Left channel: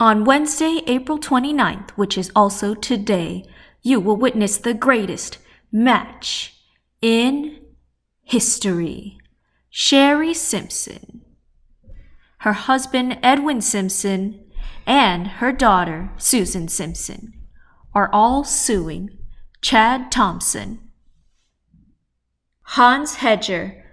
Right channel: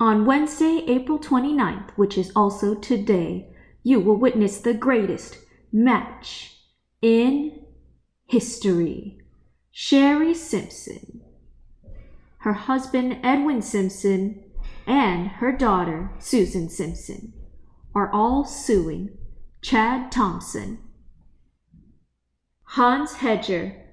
On Wednesday, April 29th, which is also today, you will witness the greatest match in history. Sherry Simpson, her husband Edwin Simpson, and her daughter Susan Simpson are all suing Chad Thompson, Hans Hedger,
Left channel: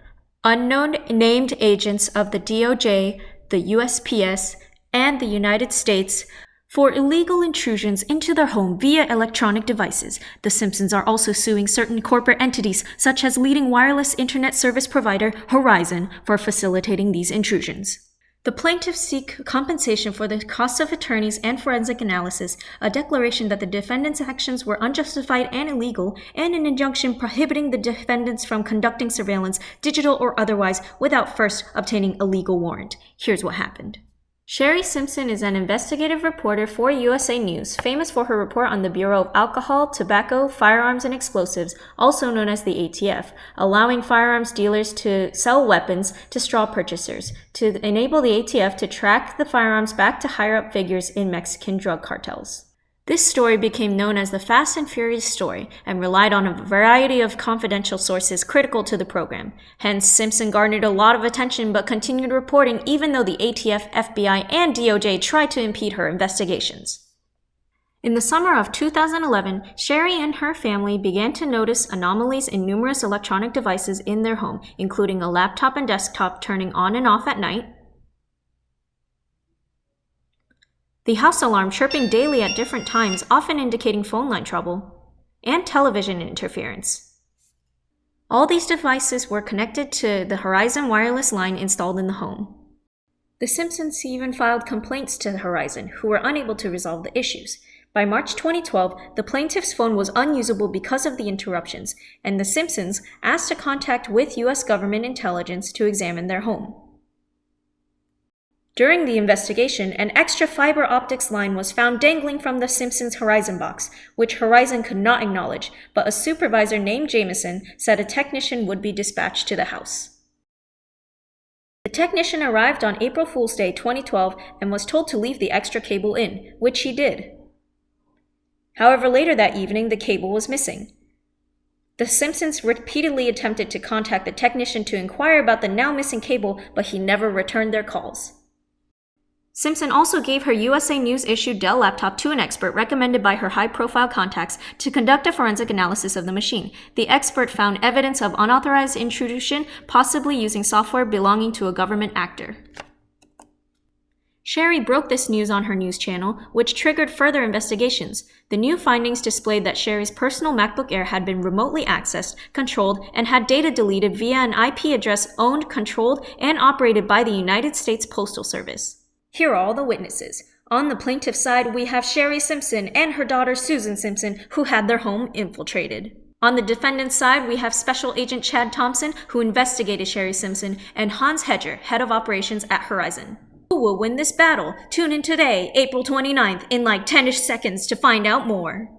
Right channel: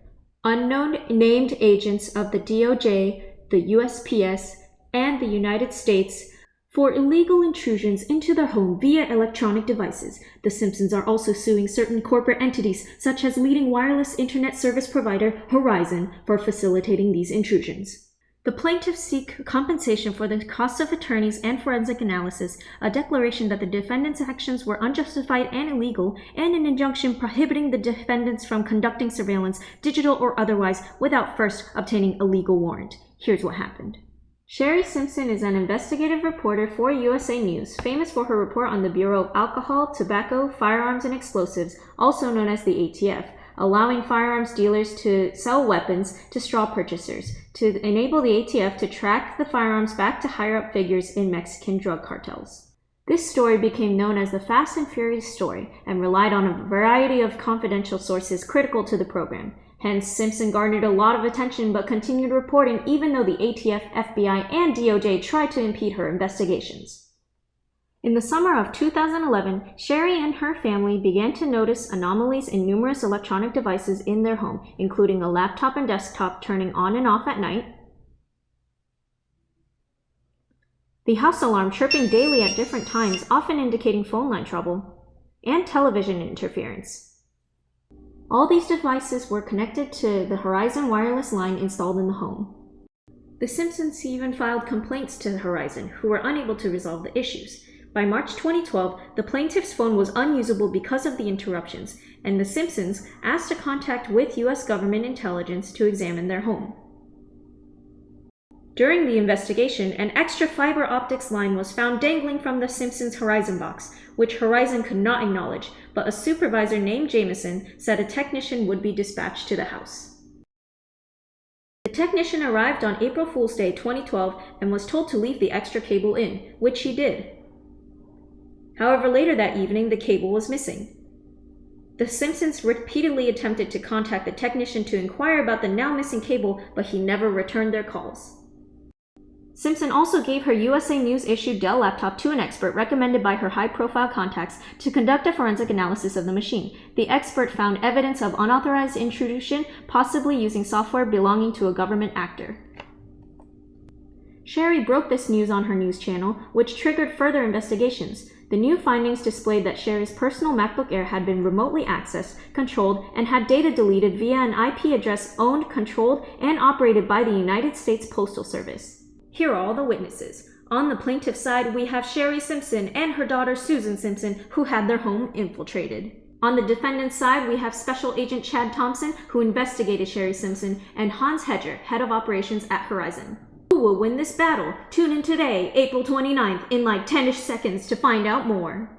unknown named agents of the DOJ, the USPS, and the United States for illegal intrusions into their home via electronic devices. The Simpsons are also suing certain corporate entities, such as leading wireless internet service provider Verizon, for facilitating these intrusions. The plaintiffs seek compensation for the costs of attorneys and forensic analysis, a declaration that the defendants' actions were unjustified and illegal, and an injunction prohibiting the defendants from conducting surveillance, digital or otherwise, without first obtaining a legal warrant. Here's what happened. Sherry Simpson is an investigative reporter for USA News, famous for her report on the Bureau of Alcohol, Tobacco, Firearms, and Explosives, also known as the ATF, allowing firearms dealers to sell weapons to straw purchasers, to enable the ATF to track the firearms back to higher-up figures in Mexican drug cartels. This story became known as the Fast and Furious story and relied on a variety of confidential sources critical to the program. Hence, Simpson garnered a lot of attention but continued reporting even though the ATF, FBI, and DOJ tried to impede her investigations. In the summer of 2011, Sherry and her family began to notice anomalies in numerous electronic devices in their home, including a laptop and desktop turning on and off at night, the house alarm chirping daily at different times, often indicating phone line trouble, and television interference. All these devices were connected to the Verizon wireless line installed in the home. The Simpsons even filed complaints to Verizon, who were unable to resolve the issues. By March 2012, the plaintiff's phone was unusable because of the interruptions, and the Simpsons asked to contact with U.S. government intelligence to examine their home. During the investigation, an extra fiber optics line was found dangling from the Simpsons' Verizon box, which Verizon could not acknowledge, but a supervisor named Jameson said a technician would be dispatched to the house. The technician arrived on April Fool's Day 2012 and was told to leave the extra cable in, which he did. However, later that evening, the cable was missing. The Simpsons repeatedly attempted to contact the technician to inquire about the now missing cable, but he never returned their calls. Simpson also gave her USA News-issued Dell laptop to an expert recommended by her high-profile contacts to conduct a forensic analysis of the machine. The expert found evidence of unauthorized intrusion, possibly using software belonging to a government actor. Sherry broke this news on her news channel, which triggered further investigations. The new findings displayed that Sherry's personal MacBook Air had been remotely accessed, controlled, and had data deleted via an IP address owned, controlled, and operated by the United States Postal Service. Here are all the witnesses. On the plaintiff's side, we have Sherry Simpson and her daughter Susan Simpson, who had their home infiltrated. On the defendant's side, we have Special Agent Chad Thompson, who investigated Sherry Simpson, and Hans Hedger, head of operations at Verizon. Who will win this battle? Tune in today, April 29th, in like 10-ish seconds to find out more.